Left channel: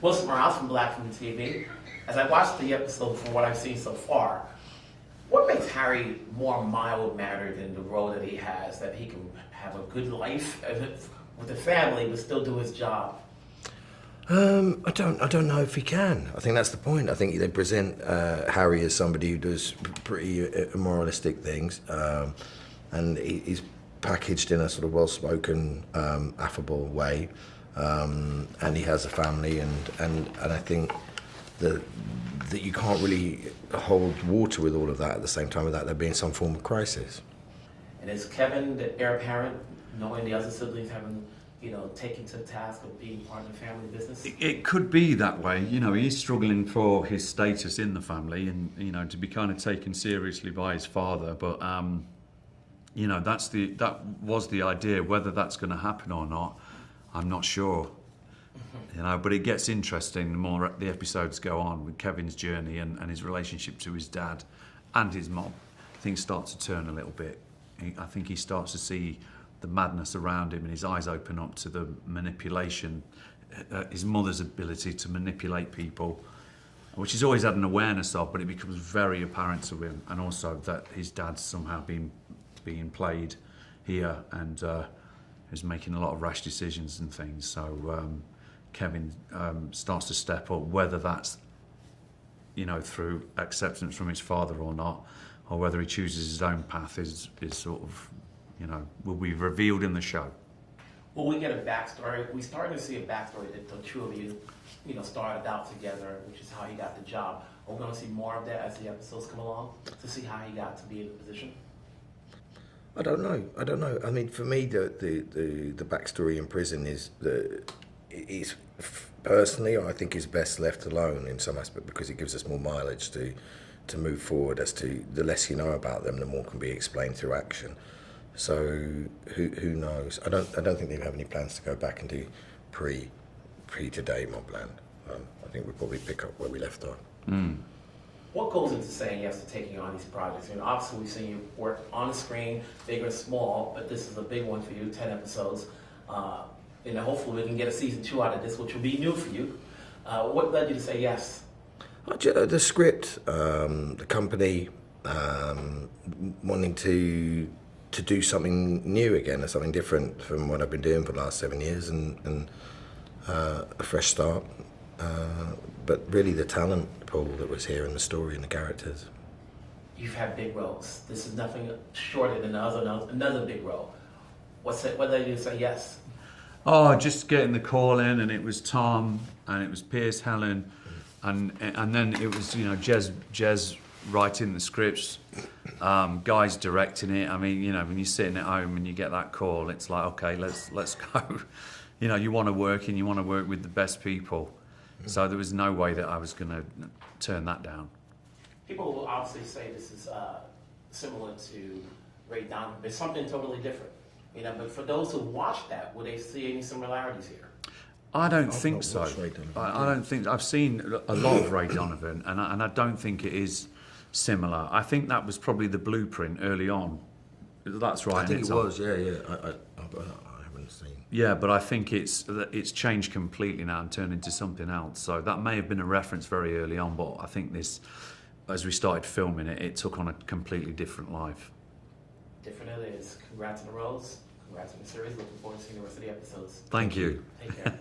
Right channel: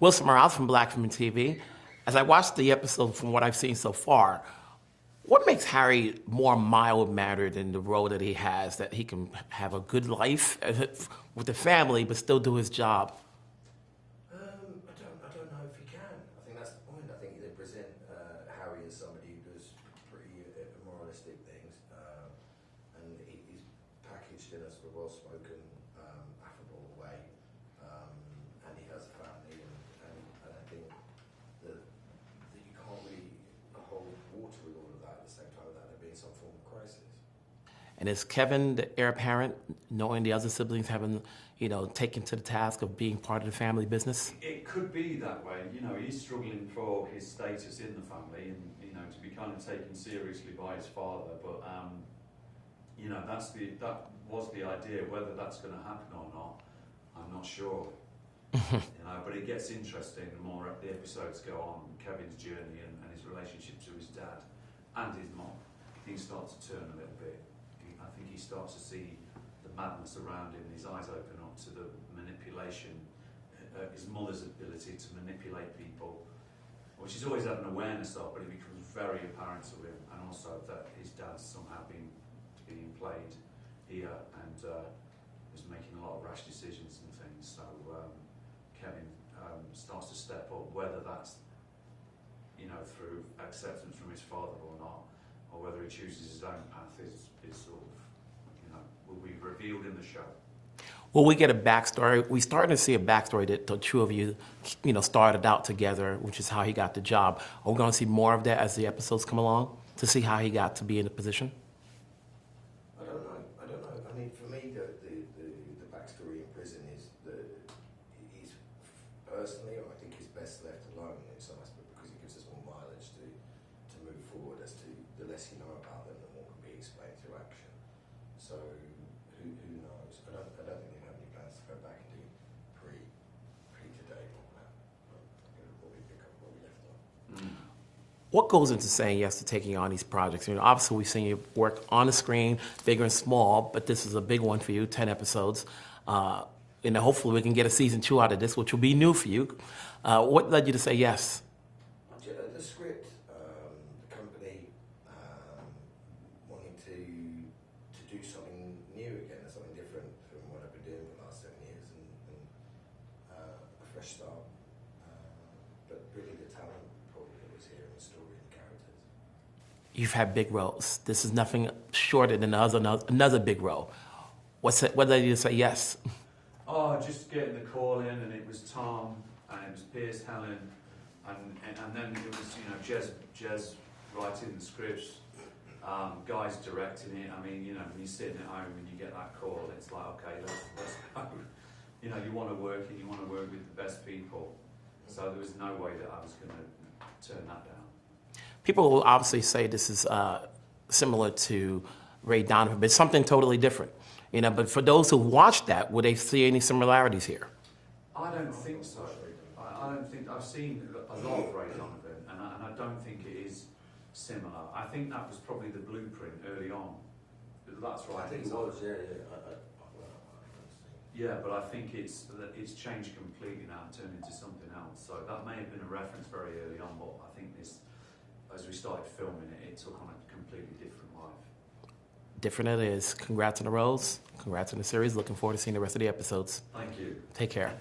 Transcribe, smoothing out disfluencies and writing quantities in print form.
Wilson Morales from Black Film and TV. As I watched the episode from what I've seen so far, what makes Harry more mild-mannered in the role that he has, that he can have a good life with the family but still do his job? I don't know if he can. I think that's the point. I think they present Harry as somebody who does pretty immoralistic things, and he's packaged in a sort of well-spoken, affable way, and he has a family, and I think that you can't really hold water with all of that at the same time without there being some form of crisis. And is Kevin the heir apparent, knowing the other siblings having, taken to the task of being part of the family business? It could be that way. He's struggling for his status in the family and, to be kind of taken seriously by his father. But, that was the idea. Whether that's going to happen or not, I'm not sure. But it gets interesting the more the episodes go on with Kevin's journey and his relationship to his dad and his mom. Things start to turn a little bit. I think he starts to see the madness around him and his eyes open up to the manipulation, his mother's ability to manipulate people, which he's always had an awareness of, but it becomes very apparent to him, and also that his dad's somehow being played here and is making a lot of rash decisions and things. So Kevin starts to step up, whether that's through acceptance from his father or not, or whether he chooses his own path is sort of, will be revealed in the show. Will we get a backstory? We started to see a backstory that the two of you, started out together, which is how he got the job. Are we going to see more of that as the episodes come along to see how he got to be in the position? I don't know. I mean, for me, the backstory in prison is personally, I think, is best left alone in some aspect, because it gives us more mileage to move forward. As to the less you know about them, the more can be explained through action. So who knows? I don't think they have any plans to go back and do pre today MobLand. I think we'll probably pick up where we left on. What goes into saying yes to taking on these projects? Obviously we've seen you work on the screen, big and small, but this is a big one for you, 10 episodes. Hopefully we can get a season 2 out of this, which will be new for you. What led you to say yes? The script, the company, wanting to do something new again, or something different from what I've been doing for the last 7 years, and a fresh start. But really the talent pool that was here, and the story and the characters. You've had big roles. This is nothing shorter than another big role. What led you to say yes? Oh, just getting the call in, and it was Tom, and it was Pierce, Helen, and then it was Jez writing the scripts, Guy's directing it. I mean, when you're sitting at home and you get that call, it's like, okay, let's go. You want to work, and you want to work with the best people. So there was no way that I was going to turn that down. People will obviously say this is similar to Ray Donovan, but it's something totally different. But for those who watched that, would they see any similarities here? I don't think so. I don't think. I've seen a lot of Ray Donovan, and I don't think it is similar. I think that was probably the blueprint early on. That's right. I think it was. Yeah. I haven't seen. Yeah, but I think it's changed completely now and turned into something else. So that may have been a reference very early on, but I think this, as we started filming it, it took on a completely different life. Different it is. Congrats on the roles. Congrats on the series. Looking forward to seeing the rest of the episodes. Thank you. Take care.